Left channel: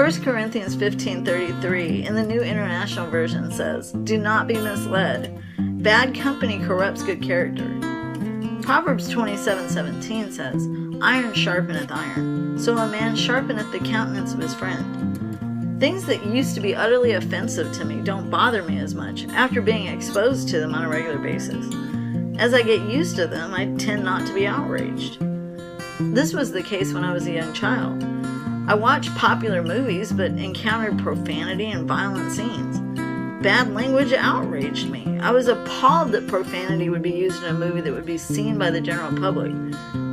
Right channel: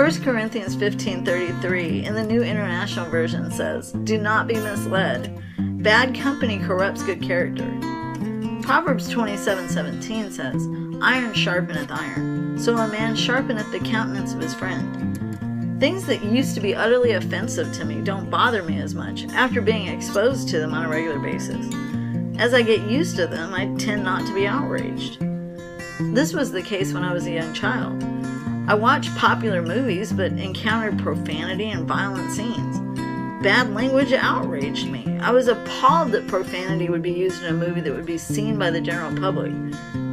1 Corinthians 15:33 in the New International Version says, "Do not be misled. Bad company corrupts good character." Proverbs 27:17 says, "Iron sharpeneth iron, so a man sharpeneth the countenance of his friend." Things that used to be utterly offensive to me don't bother me as much after being exposed to them on a regular basis. As I get used to them, I tend not to be outraged. This was the case when I was a young child. I watched popular movies but encountered profanity and violent scenes. Bad language outraged me. I was appalled that profanity would be used in a movie that would be seen by the general public.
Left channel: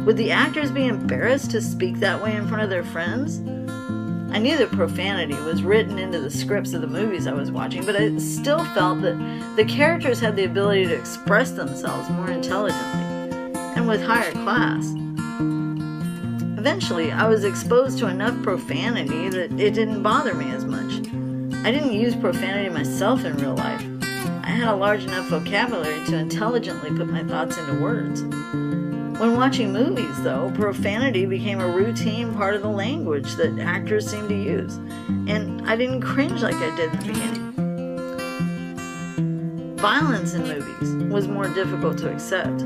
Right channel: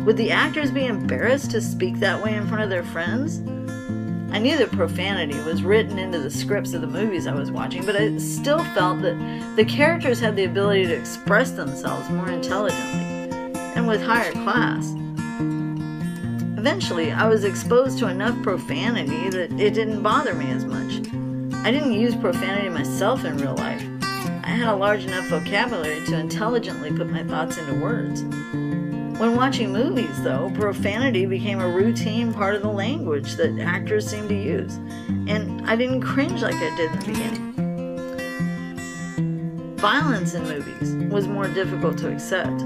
Would the actors be embarrassed to speak that way in front of their friends? I knew that profanity was written into the scripts of the movies I was watching, but I still felt that the characters had the ability to express themselves more intelligently and with higher class. Eventually, I was exposed to enough profanity that it didn't bother me as much. I didn't use profanity myself in real life. I had a large enough vocabulary to intelligently put my thoughts into words. When watching movies, though, profanity became a routine part of the language that actors seemed to use, and I didn't cringe like I did in the beginning. Violence in movies was more difficult to accept.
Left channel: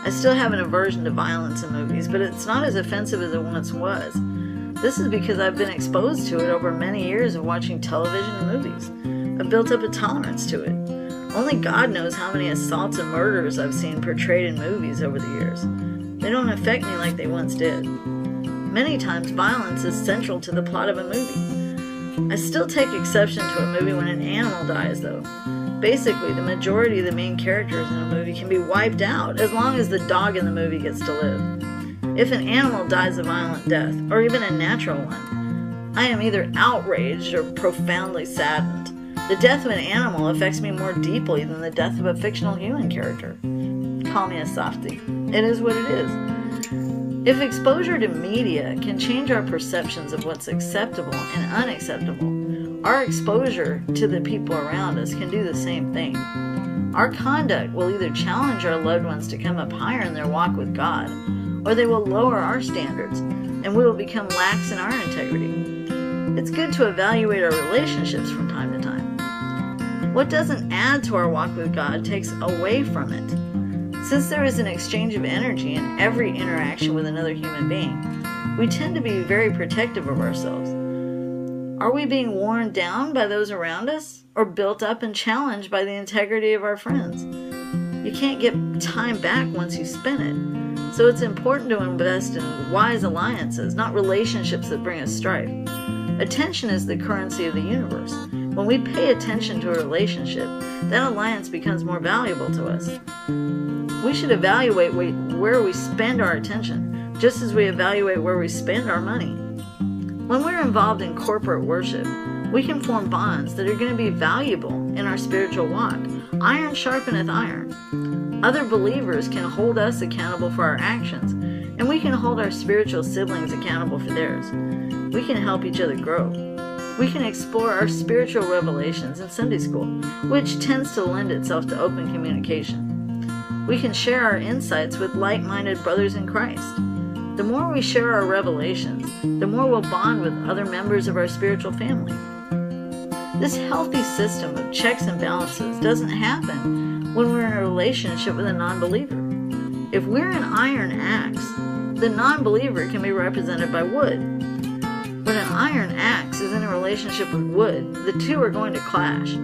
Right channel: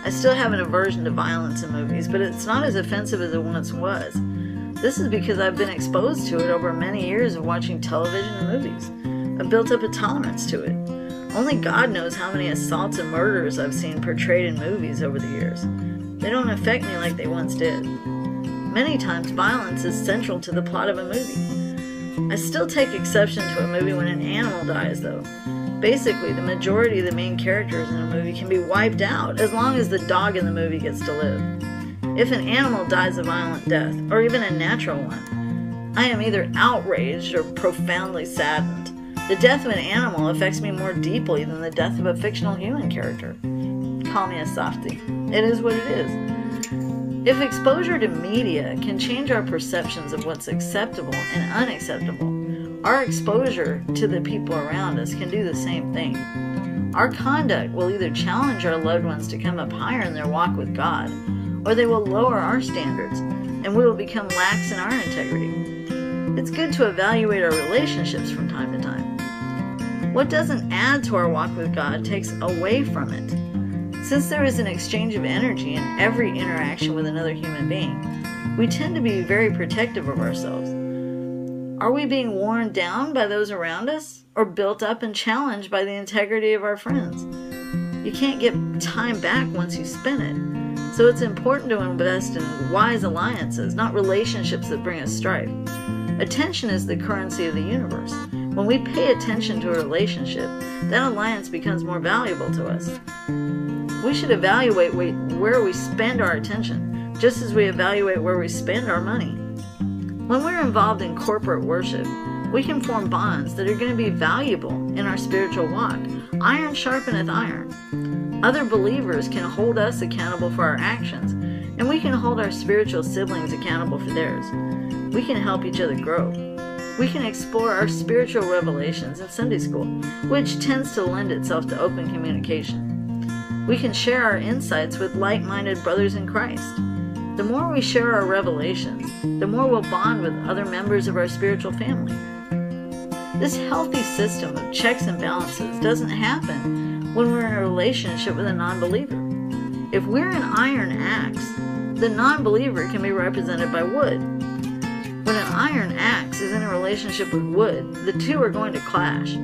I still have an aversion to violence in movies, but it's not as offensive as it once was. This is because I've been exposed to it over many years of watching television and movies. I've built up a tolerance to it. Only God knows how many assaults and murders I've seen portrayed in movies over the years. They don't affect me like they once did. Many times violence is central to the plot of a movie. I still take exception to a movie when an animal dies, though. Basically, the majority of the main characters in a movie can be wiped out as long as the dog in the movie gets to live. If an animal dies a violent death, or even a natural one, I am either outraged or profoundly saddened. The death of an animal affects me more deeply than the death of a fictional human character. Call me a softie. It is what it is. If exposure to media can change our perceptions of what's acceptable and unacceptable, our exposure to the people around us can do the same thing. Our conduct will either challenge our loved ones to come up higher in their walk with God, or they will lower our standards, and we will become lax in our integrity. It's good to evaluate our relationships from time to time. What doesn't add to our walk with God takes away from it. Since there is an exchange of energy in every interaction with another human being, we tend to be very protective of ourselves. Are we being worn down by those around us, or built up and challenged by the integrity of our friends? You can't get time back once you spend it, so it's important to invest in wise alliances, not relationships that bring us strife. Attention is the currency of the universe. When we pay attention to a relationship, that alliance becomes more valuable to us. We should evaluate where we spend our attention, just as we evaluate where we spend our money. When we're involved in corporate worship, we can form bonds that are going to be valuable in our spiritual walk. Iron sharpeneth iron. Other believers can hold us accountable for our actions, and we can hold our spiritual siblings accountable for theirs. We can help each other grow. We can explore our spiritual revelations in Sunday school, which tends to lend itself to open communication. We can share our insights with like-minded brothers in Christ. The more we share our revelations, the more we'll bond with other members of our spiritual family. This healthy system of checks and balances doesn't happen when we're in a relationship with a non-believer. If we're an iron axe, the non-believer can be represented by wood. When an iron axe is in a relationship with wood, the two are going to clash.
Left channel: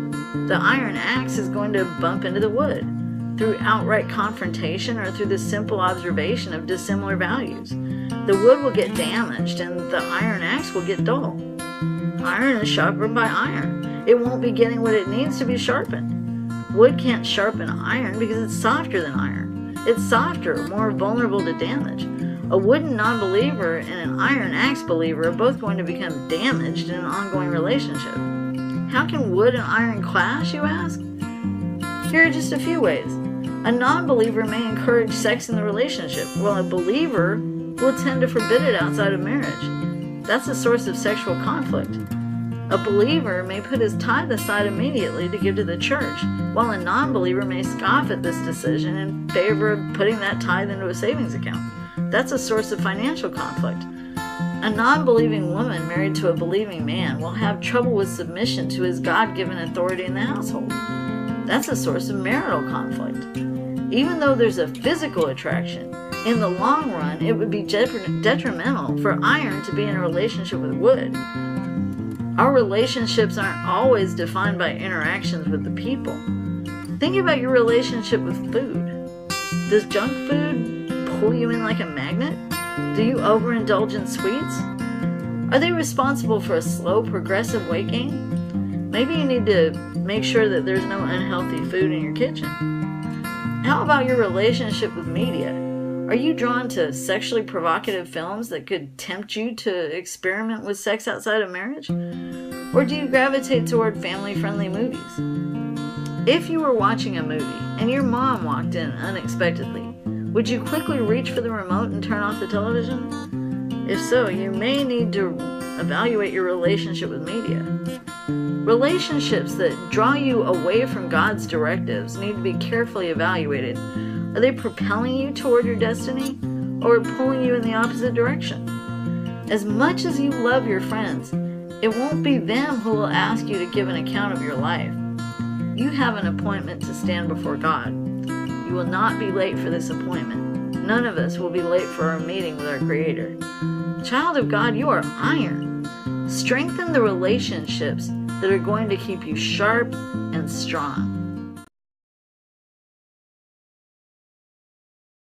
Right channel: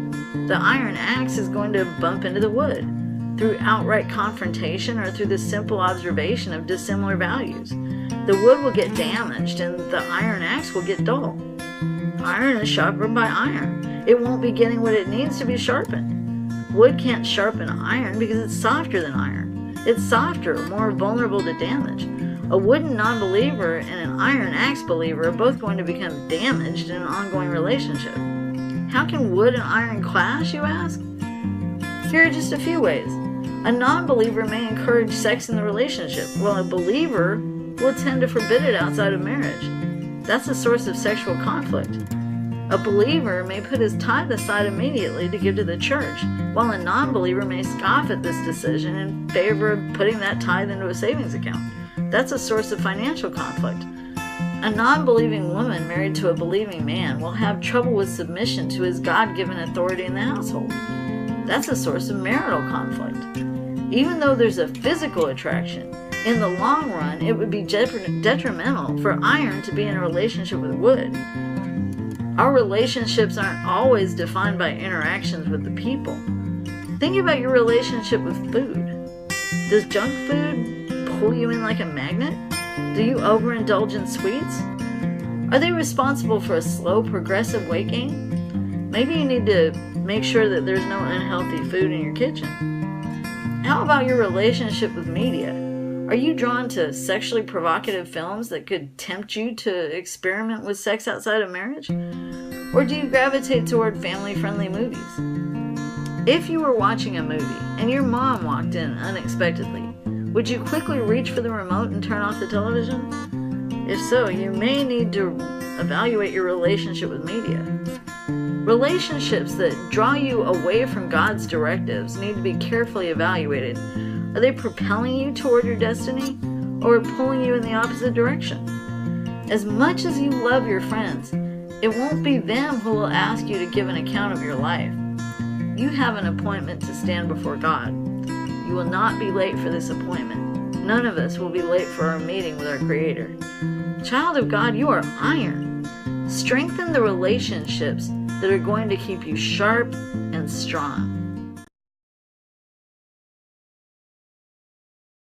The iron axe is going to bump into the wood through outright confrontation or through the simple observation of dissimilar values. The wood will get damaged and the iron axe will get dull. Iron is sharpened by iron. It won't be getting what it needs to be sharpened. Wood can't sharpen iron because it's softer than iron. It's softer, more vulnerable to damage. A wooden non-believer and an iron axe believer are both going to become damaged in an ongoing relationship. How can wood and iron clash, you ask? Here are just a few ways. A non-believer may encourage sex in the relationship, while a believer will tend to forbid it outside of marriage. That's a source of sexual conflict. A believer may put his tithe aside immediately to give to the church, while a non-believer may scoff at this decision in favor of putting that tithe into a savings account. That's a source of financial conflict. A non-believing woman married to a believing man will have trouble with submission to his God-given authority in the household. That's a source of marital conflict. Even though there's a physical attraction, in the long run, it would be detrimental for iron to be in a relationship with wood. Our relationships aren't always defined by interactions with the people. Think about your relationship with food. Does junk food pull you in like a magnet? Do you overindulge in sweets? Are they responsible for a slow, progressive weight gain? Maybe you need to make sure that there's no unhealthy food in your kitchen. How about your relationship with media? Are you drawn to sexually provocative films that could tempt you to experiment with sex outside of marriage? Or do you gravitate toward family-friendly movies? If you were watching a movie and your mom walked in unexpectedly, would you quickly reach for the remote and turn off the television? If so, you may need to evaluate your relationship with media. Relationships that draw you away from God's directives need to be carefully evaluated. Are they propelling you toward your destiny or pulling you in the opposite direction? As much as you love your friends, it won't be them who will ask you to give an account of your life. You have an appointment to stand before God. You will not be late for this appointment. None of us will be late for our meeting with our Creator. Child of God, you are iron. Strengthen the relationships that are going to keep you sharp and strong.